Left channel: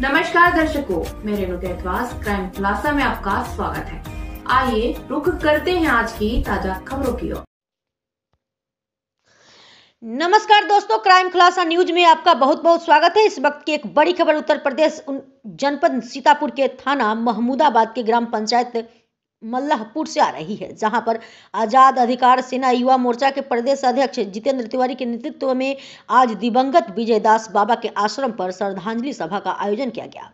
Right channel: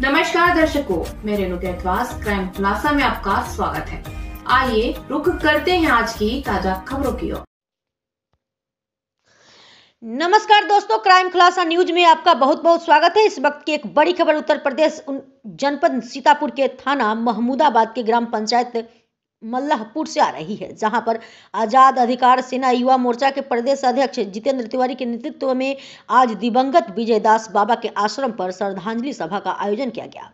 नमस्कार दर्शकों, मैं रेणु कैथवास क्राइम खुलासा में आपका स्वागत है। आइए रुख करते हैं आज की ताजा खबरों की ओर। नमस्कार दोस्तों, क्राइम खुलासा न्यूज में आपका बहुत बहुत स्वागत है। इस वक्त की एक बड़ी खबर उत्तर प्रदेश जनपद सीतापुर के थाना महमूदाबाद के ग्राम पंचायत मल्लाहपुर से आ रही है, जहां पर आजाद अधिकार सेना युवा मोर्चा के प्रदेश अध्यक्ष जितेंद्र तिवारी के नेतृत्व में आज दिवंगत विजयदास बाबा के आश्रम पर श्रद्धांजलि सभा का आयोजन किया गया।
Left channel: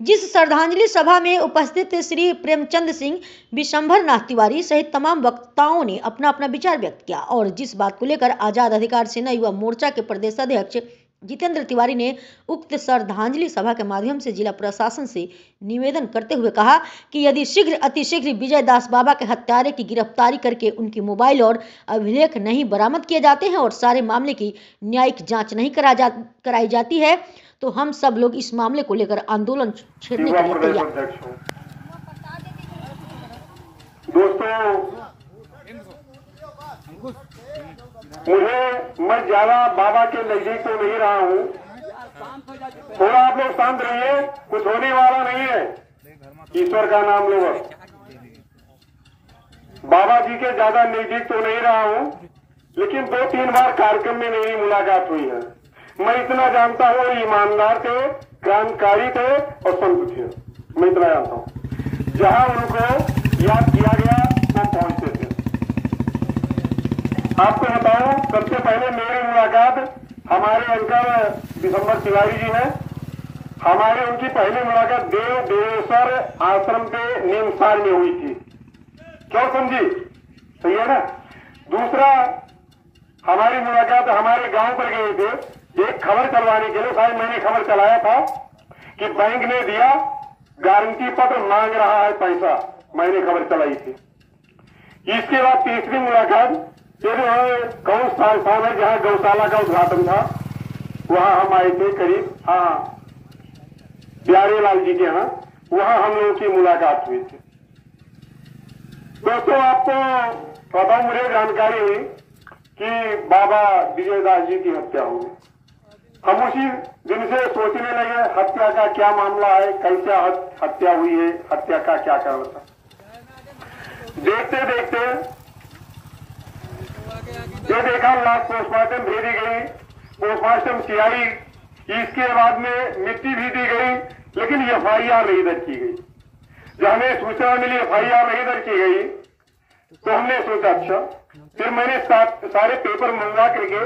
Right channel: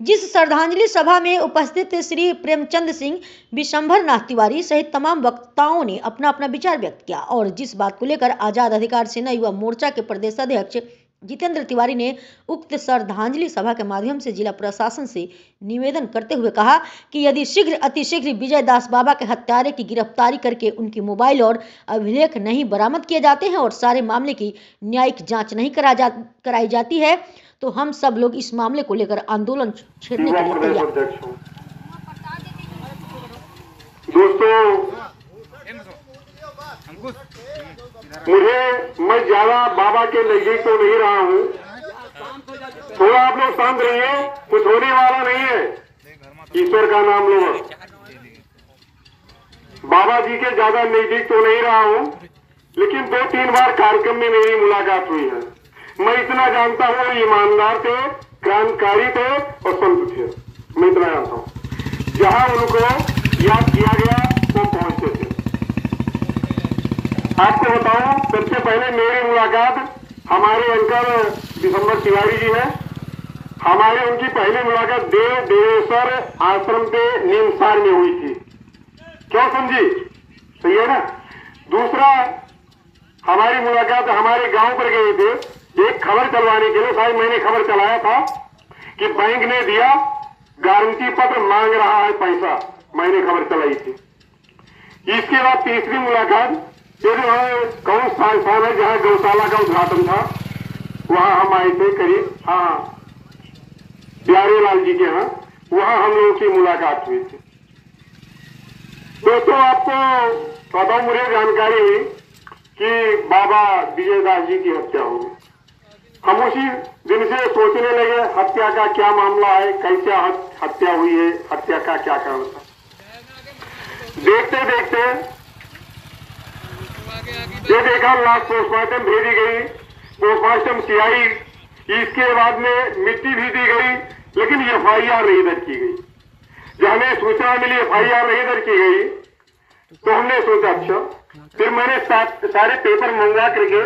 जिस श्रद्धांजलि सभा में उपस्थित श्री प्रेमचंद सिंह, विशंभर नाथ तिवारी सहित तमाम वक्ताओं ने अपना अपना विचार व्यक्त किया और जिस बात को लेकर आजाद अधिकार सेना युवा मोर्चा के प्रदेश अध्यक्ष जितेंद्र तिवारी ने उक्त श्रद्धांजलि सभा के माध्यम से जिला प्रशासन से निवेदन करते हुए कहा कि यदि अतिशीघ्र विजयदास बाबा के हत्यारे की गिरफ्तारी करके उनकी मोबाइल और अभिलेख नहीं बरामद किए जाते हैं और सारे मामले की न्यायिक जांच नहीं कराई जाती है तो हम सब लोग इस मामले को लेकर आंदोलन छेड़ने के लिए तैयार। मैं ज्यादा बाबा के नजदीक तो नहीं रहा हूँ, थोड़ा आप लोग शांत रहिए, कुछ होने वाला नहीं है। ईश्वर का नाम लो। बाबा जी के ज्यादा नजदीक तो नहीं रहा हूँ, लेकिन 2-3 बार कार्यक्रम में मेरी मुलाकात हुई है। मैं इतना जानता हूँ, ईमानदार थे, क्रांतिकारी थे और संत थे। मैं इतना जानता हूँ, जहाँ उनको याद किया गया वो पहुंचे थे। आपको बताऊं, सबसे पहले मेरी मुलाकात हमारे अंकल विशंभर तिवारी जी हैं। हमारी उनकी पहली मुलाकात देवेश्वर आश्रम के नीमसार में हुई थी। क्या समझी? सही है ना। दूसरा, हमारी मुलाकात हमारे गांव पर गए थे एक खबर चलवाने के लिए। शायद मैंने खबर चलाया था कि बैंक ने दिया, गारंटी पत्र मांग रहा है पैसा, मैंने खबर चलाई थी। इसके बाद तीसरी मुलाकात ये जो है कौन स्थान है जहाँ गौशाला का उद्घाटन था, वहां हम आए थे करीब, प्यारे लाल जी के यहाँ, वहां हम लोगों की मुलाकात हुई थी। दोस्तों, आपको बताओ, मुझे जानकारी हुई कि बाबा विजयदास जी की हत्या हो गई। हम उसी दिन से सोचने लगे हत्या का क्या मामला है, कैसे हत्या हुई है, हत्या का क्या कारण था। देखते देखते ये देखा, लाश पोस्टमार्टम भेजी गई, पोस्टमार्टम की आई, इसके बाद में मिट्टी भी दी गई, लेकिन एफआईआर नहीं दर्ज की गई। जब हमें सूचना मिली एफआईआर नहीं दर्ज की गई तो हमने सोचा अच्छा। फिर मैंने सारे पेपर मंगवा करके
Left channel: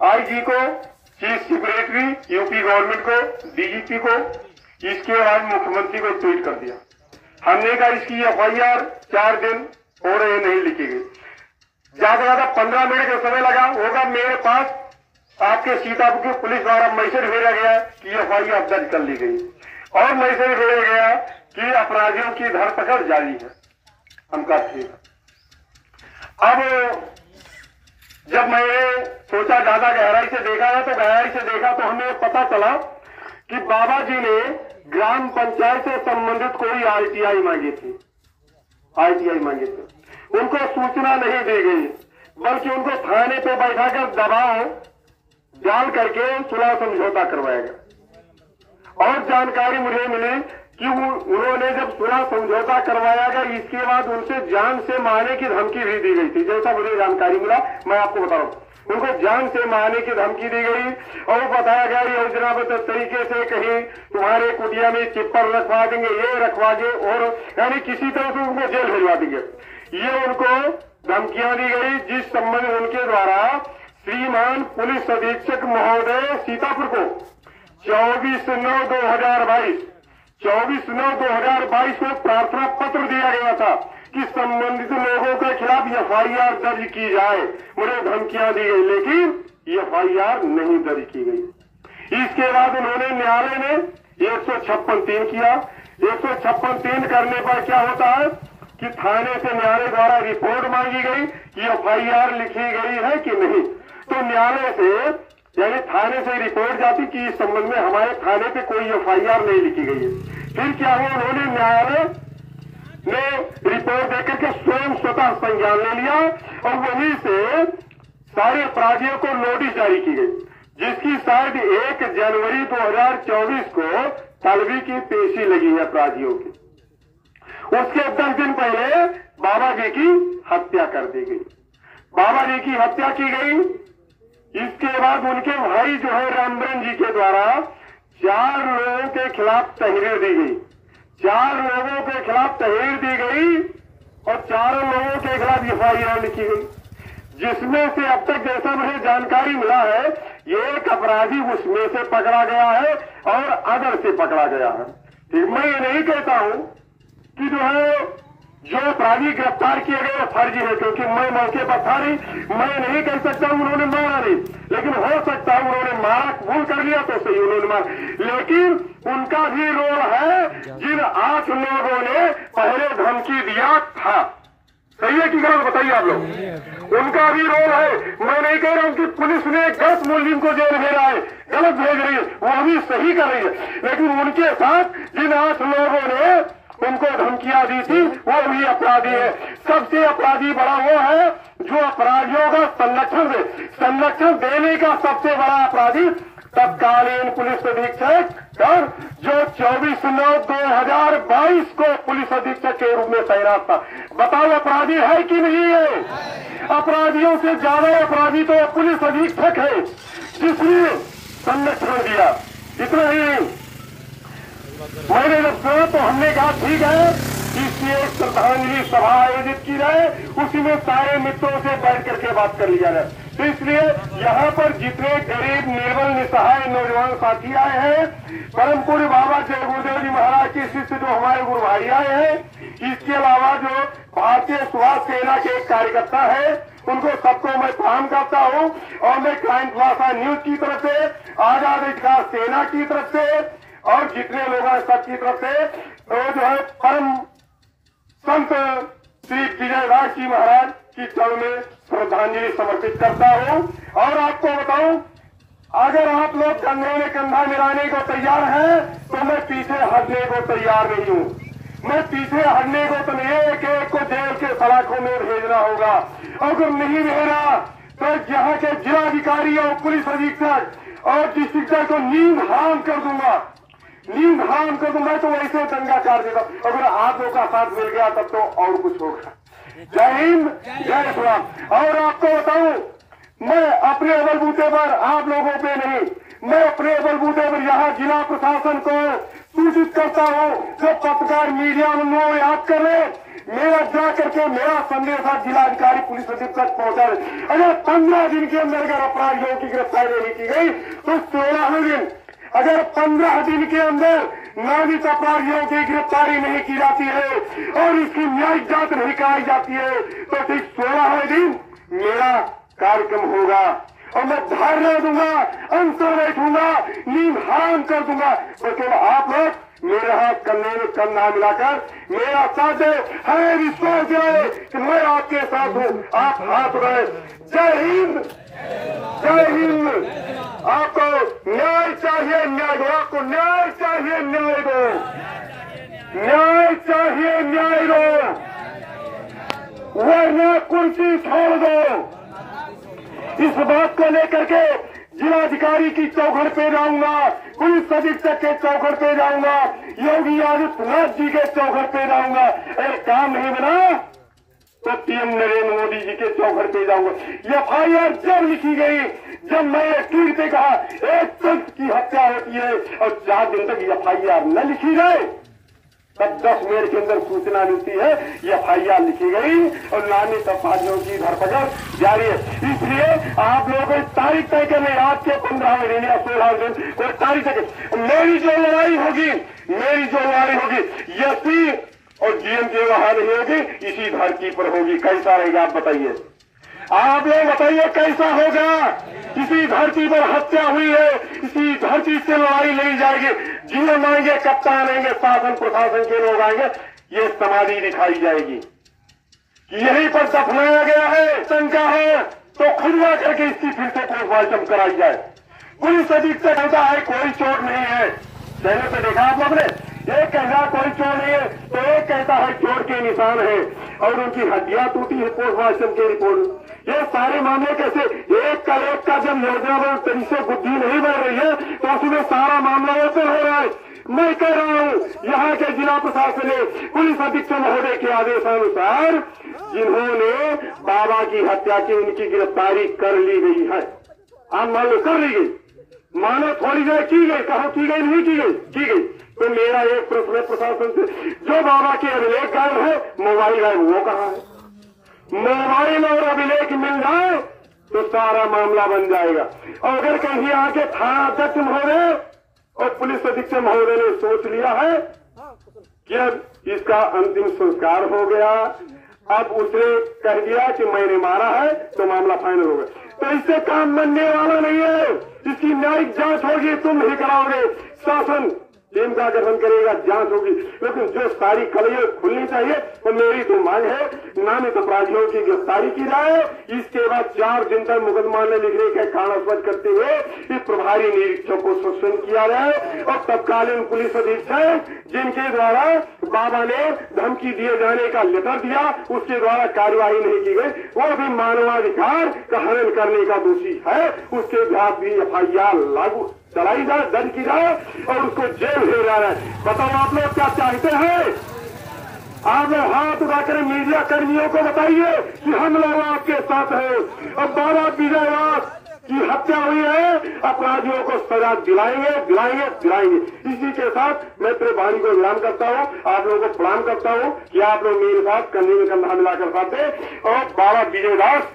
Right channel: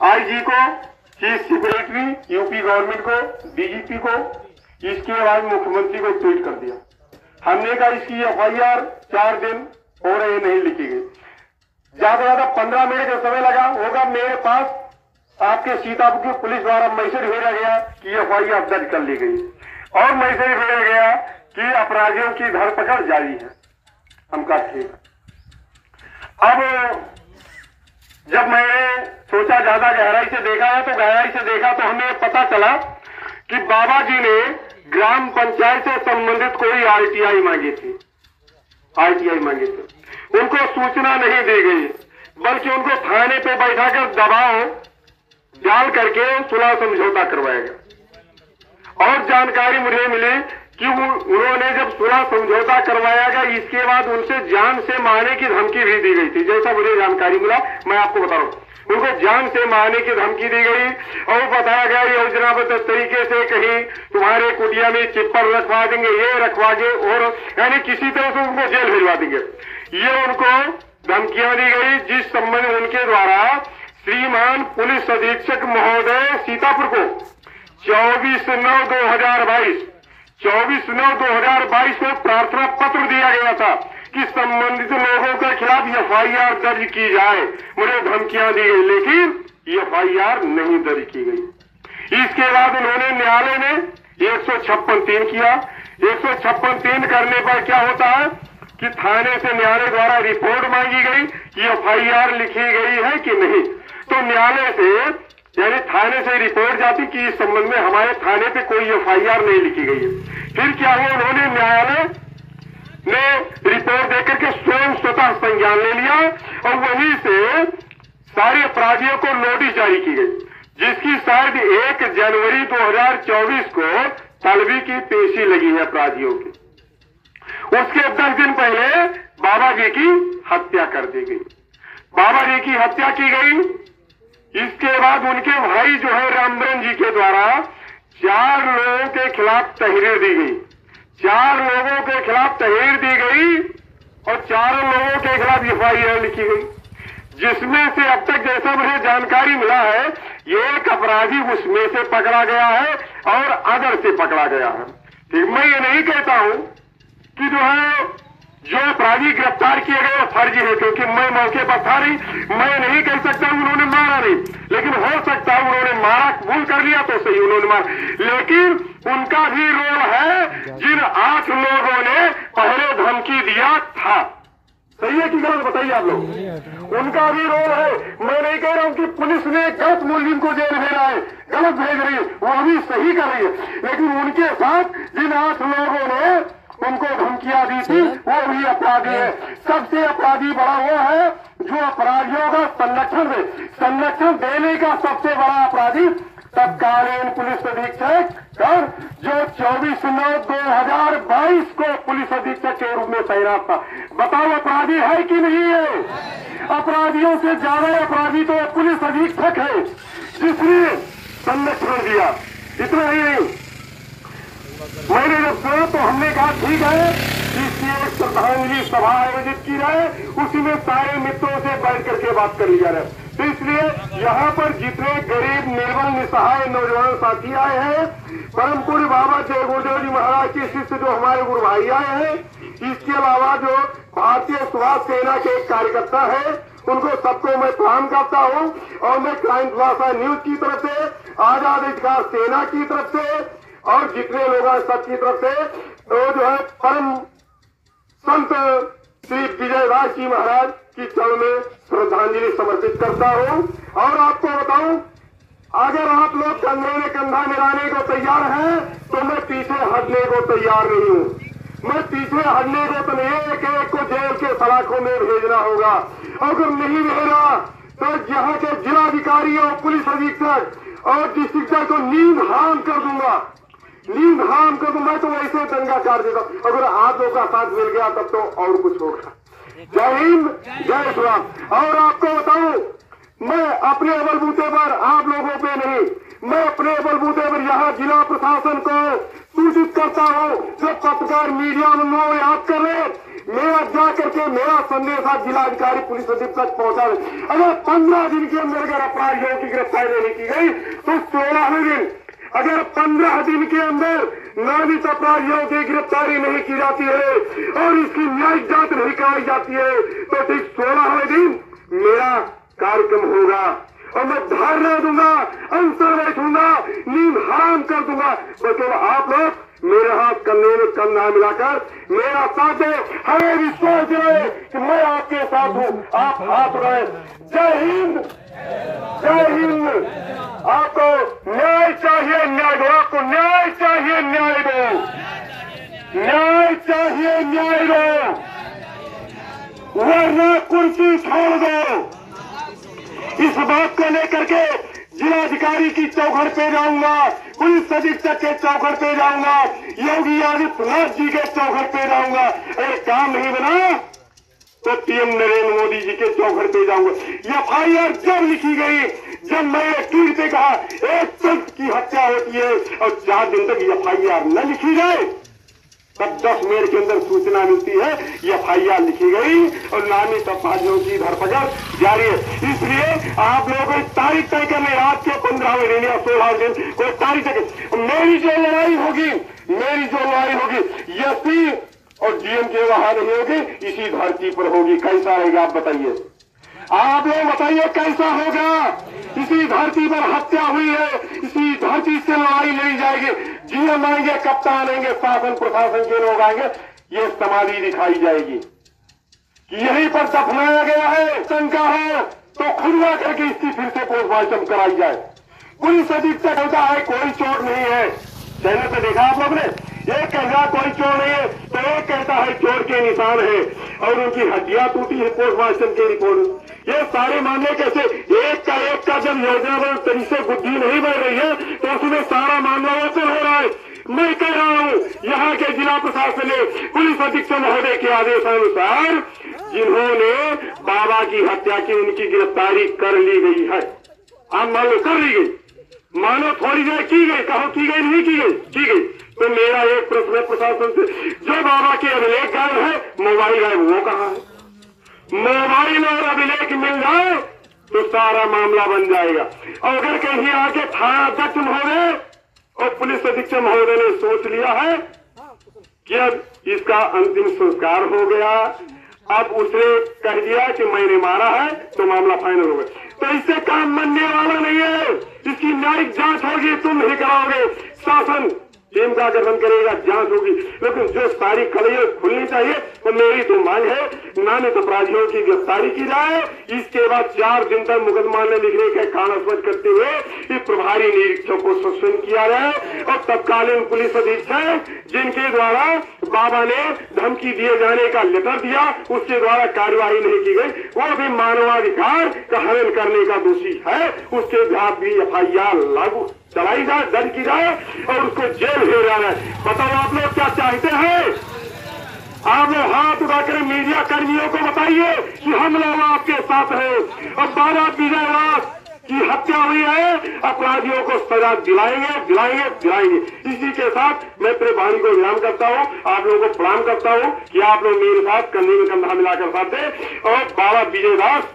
आईजी को, चीफ सेक्रेटरी यूपी गवर्नमेंट को, डीजीपी को, इसके बाद मुख्यमंत्री को ट्वीट कर दिया। हमने कहा इसकी एफआईआर 4 दिन हो रहे नहीं लिखी गई। ज्यादा ज्यादा 15 मिनट का समय लगा होगा। मेरे पास आपके सीतापुर की पुलिस द्वारा मैसेज भेजा गया कि एफआईआर दर्ज कर ली गई और मैसेज भेजा गया कि अपराधियों की धरपकड़ जारी है। हम कहा ठीक। अब जब मैंने सोचा ज्यादा गहराई से देखा है, तो गहराई से देखा तो हमें पता चला कि बाबा जी ने ग्राम पंचायत से संबंधित कोई आरटीआई मांगी थी। आरटीआई मांगी थी, उनको सूचना नहीं दी गई, बल्कि उनको थाने पे बैठाकर दबाव डाल करके सुलह समझौता करवाया गया। और जानकारी मुझे मिली कि उन्होंने जब सुलह समझौता करवाया गया, इसके बाद उनसे जान से मारने की धमकी भी दी गई थी। जैसा मुझे जानकारी मिला, मैं आपको बता रहा हूं, उनको जान से मारने की धमकी दी गई और बताया गया योजनाबद्ध तरीके से कहीं तुम्हारे कुटिया में चिप्पर रखवा देंगे, ये रखवा दे, और यानी किसी तरह से उनको जेल भिजवा देंगे। ये उनको धमकियां दी गई, जिस संबंध में उनके द्वारा श्रीमान पुलिस अधीक्षक महोदय सीतापुर को 24/9/2022 को प्रार्थना पत्र दिया गया था कि संबंधित लोगों के खिलाफ एफआईआर दर्ज की जाए। मुझे धमकियां दी गई, लेकिन एफआईआर नहीं दर्ज की गई। इसके बाद उन्होंने न्यायालय में 156(3) किया। 156(3) करने पर क्या होता है कि थाने से न्यायालय द्वारा रिपोर्ट मांगी गई कि एफआईआर लिखी गई है कि नहीं। तो न्यायालय से, यानी थाने से रिपोर्ट जाती कि इस संबंध में हमारे थाने पे कोई एफआईआर नहीं लिखी गई है। फिर क्या हुआ, उन्होंने न्यायालय ने रिपोर्ट देकर के स्वतः संज्ञान ले लिया और वहीं से सारे अपराधियों को नोटिस जारी की गई, जिसकी शायद 1 जनवरी 2024 को तलबी की पेशी लगी है अपराधियों की। उसके 10 दिन पहले बाबा जी की हत्या कर दी गई। बाबा जी की हत्या की गई। इसके बाद उनके भाई जो है रामबरन जी के द्वारा 4 लोगों के खिलाफ तहरीर दी गई। 4 लोगों के खिलाफ तहरीर दी गई और 4 लोगों के खिलाफ FIR लिखी गई, जिसमें से अब तक जैसा मुझे जानकारी मिला है एक अपराधी उसमें से पकड़ा गया है और अदर से पकड़ा गया है। ठीक, मैं ये नहीं कहता हूं कि जो है जो अपराधी गिरफ्तार किए गए वो फर्जी है, क्योंकि मैं मौके पर था नहीं, मैं नहीं कह सकता उन्होंने मारा नहीं, लेकिन हो सकता है उन्होंने मारा, कबूल कर लिया तो सही उन्होंने मारा, लेकिन उनका भी रोल है। जिन 8 लोगों ने पहले धमकी दिया था, कहिए कि गलत बताइए आप लोग, उनका भी रोल है। मैं नहीं कह रहा हूं कि पुलिस ने गलत मुलजिम को जेल भेजा है, गलत भेज रही है, वो भी सही कर रही है, लेकिन उनके साथ जिन 8 लोगों ने उनको धमकियां दी थी वो भी अपराधी है। सबसे अपराधी बड़ा वो है जो अपराधियों का संरक्षण देने का सबसे बड़ा अपराधी तत्कालीन पुलिस अधीक्षक और जो 24/9/2022 को पुलिस अधीक्षक के रूप में तैनात था। बताओ अपराधी है कि नहीं है? अपराधियों से ज्यादा अपराधी तो पुलिस अधीक्षक है जिसने संरक्षण दिया। इतना ही मैंने जब सुना तो हमने कहा ठीक है, इसकी एक श्रद्धांजलि सभा आयोजित की जाए, उसी में सारे मित्रों से बैठ करके बात कर लिया जाए। तो इसलिए यहाँ पर जितने गरीब निर्बल निसहाय नौजवान साथी आए हैं, परम पूज्य बाबा जय गुरुदेव जी महाराज के शिष्य जो हमारे गुरु भाई आए हैं, इसके अलावा जो भारतीय सुभाष सेना के एक कार्यकर्ता है, उनको सबको मैं प्रणाम करता हूँ। और मैं क्राइम प्लासा न्यूज की तरफ से, आजाद अधिकार सेना की तरफ से और जितने लोग हैं सबकी तरफ से तो जो है परम संत श्री विजयदास जी महाराज की चरण में श्रद्धांजलि समर्पित करता हूं। और आपको बताऊं, अगर आप लोग कंधे में कंधा मिलाने को तैयार हैं तो मैं पीछे हटने को तैयार नहीं हूं। मैं पीछे हटने को तो नहीं है कि एक को जेल के सलाखों में भेजना होगा। अगर नहीं भेजा तो यहाँ के जिलाधिकारी और पुलिस अधीक्षक और डिस्ट्रिक्ट को नींद हराम कर दूंगा, तो वैसे दंगा कर देगा। अगर आप लोगों का साथ मिल गया तब तो और कुछ होगा। जय हिंद, जय श्री राम। और आपको बताऊं, मैं अपने बलबूते पर, आप लोगों पे नहीं, मैं अपने बलबूते पर यहाँ जिला प्रशासन को सूचित करता हूँ, जो पत्रकार मीडिया में याद कर रहे, मेरा जा करके मेरा संदेश आप जिलाधिकारी पुलिस अधीक्षक पहुंचा दे। अगर 15 दिन के अंदर अगर अपराधियों की गिरफ्तारी नहीं की गई तो 16वें दिन, अगर 15 दिन के अंदर नामित अपराधियों की गिरफ्तारी नहीं की जाती है और इसकी न्यायिक जांच नहीं कराई जाती है तो ठीक 16वें दिन मेरा कार्यक्रम होगा और मैं धरना दूंगा, अनशन बैठूंगा, नींद हराम कर दूंगा। तो आप लोग मेरे हाथ कंधे में कंधा मिलाकर मेरा साथ दे, हमें विश्वास दिलाए कि मैं आपके साथ हूँ, आप हाथ उठाए। जय हिंद, जय हिंद। आपको न्याय चाहिए, न्याय दो, आपको न्याय चाहिए, न्याय दो, न्याय चाहिए, न्याय दो, वरना कुर्सी छोड़ दो। इस बात को लेकर के जिलाधिकारी की चौखट पे जाऊंगा, पुलिस अधीक्षक के चौखट पे जाऊंगा, योगी आदित्यनाथ जी के चौखट पे जाऊंगा। अगर काम नहीं बना तो पीएम नरेंद्र मोदी जी के चौखट पे जाऊंगा। FIR जब लिखी गई, जब मैंने ट्वीट पे कहा एक संत की हत्या होती है और 4 दिन तक FIR न लिखी जाए, तब 10 मिनट के अंदर सूचना मिलती है, FIR लिखी गई और नामित अपराधियों की धरपकड़ जारी है। इसलिए आप लोगों को तारीख तय करने, रात के 15वें दिन या 16वें दिन कोई तारीख तय। मेरी जो लड़ाई होगी एसपी और GM के वहां नहीं होगी, इसी धरती पर होगी। कैसा रहेगा आप बताइए, आप लोग बताइए कैसा होगा। इसी धरती पर हत्या हुई है, इसी धरती से लड़ाई लड़ी जाएगी। GM आएंगे, कप्तान आएंगे, शासन प्रशासन के लोग आएंगे, ये समाधि दिखाई जाएगी। यहीं पर दफनाया गया है, शंका है तो खुलवा करके इसकी फिर से पोस्टमार्टम कराई जाए। पुलिस अधीक्षक होता है, कोई चोट नहीं है। पहले से देखा आप लोग ने, एक कहता कोई चोर नहीं है तो एक कहता है चोर के निशान है और उनकी हड्डियां टूटी है पोस्टमार्टम की रिपोर्ट। ये सारे मामले कैसे एक का जब योजनाबद्ध तरीके से बुद्धि नहीं बढ़ रही है तो उसमें सारा मामला ओपन हो रहा है। मैं कह रहा हूँ यहाँ के जिला प्रशासन ने पुलिस अधीक्षक महोदय के आदेशानुसार जिन्होंने बाबा की हत्या की उनकी गिरफ्तारी कर ली गई है। आप मान लो कर ली गई, मानो थोड़ी देर की गई, कहो की गई नहीं की गई, की गई। तो मेरा एक प्रश्न है प्रशासन से, जो बाबा के अभिलेख गायब है, मोबाइल गायब वो कहाँ है? मोबाइल और अभिलेख मिल जाए तो सारा मामला बन जाएगा। और अगर कहीं आके थाना अध्यक्ष महोदय और पुलिस अधीक्षक महोदय ने सोच लिया है कि अब इसका अंतिम संस्कार हो गया, अब उसने कह दिया कि मैंने मारा है, तो मामला फाइनल हो गया, तो इससे काम बनने वाला नहीं है। इसकी न्यायिक जांच होगी, तुम ही कराओगे, शासन टीम का गठन करेगा, जांच होगी, लेकिन जो सारी कड़ियां खुलनी चाहिए तो मेरी तो मांग है नामित अपराधियों की गिरफ्तारी की जाए। इसके बाद 4 दिन तक मुकदमा न लिखने के कारण स्पष्ट करते हुए ये प्रभारी निरीक्षक को सस्पेंड किया जाए और तत्कालीन पुलिस अधीक्षक जिनके द्वारा बाबा ने धमकी दिए जाने का लेटर दिया, उसके द्वारा कार्यवाही नहीं की गई, वो भी मानवाधिकार का हनन करने का दोषी है, उसके खिलाफ भी FIR लागू चलाई जाए, दर्ज की जाए और उसको जेल भेजा जाए। बताओ आप लोग क्या चाहते हैं? आप लोग हाथ उठाकर मीडिया कर्मियों को बताइए कि हम लोग आपके साथ हैं। अब बाबा विजयदास की हत्या हुई है, अपराधियों को सजा दिलाएंगे, दिलाएंगे, दिलाएंगे। इसी के साथ मैं अपने वाणी को विराम करता हूँ, आप लोगों को प्रणाम करता हूँ कि आप लोग मेरे साथ कंधे में कंधा मिलाकर साथ दें। और बाबा विजयदास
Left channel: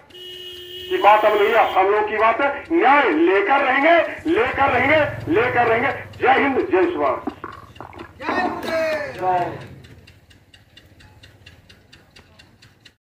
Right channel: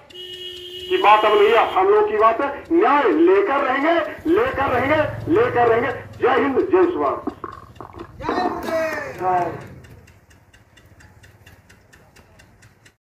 की बात अब नहीं है, हम लोग की बात है, न्याय लेकर रहेंगे, लेकर रहेंगे, लेकर रहेंगे। जय हिंद, जय शिवा।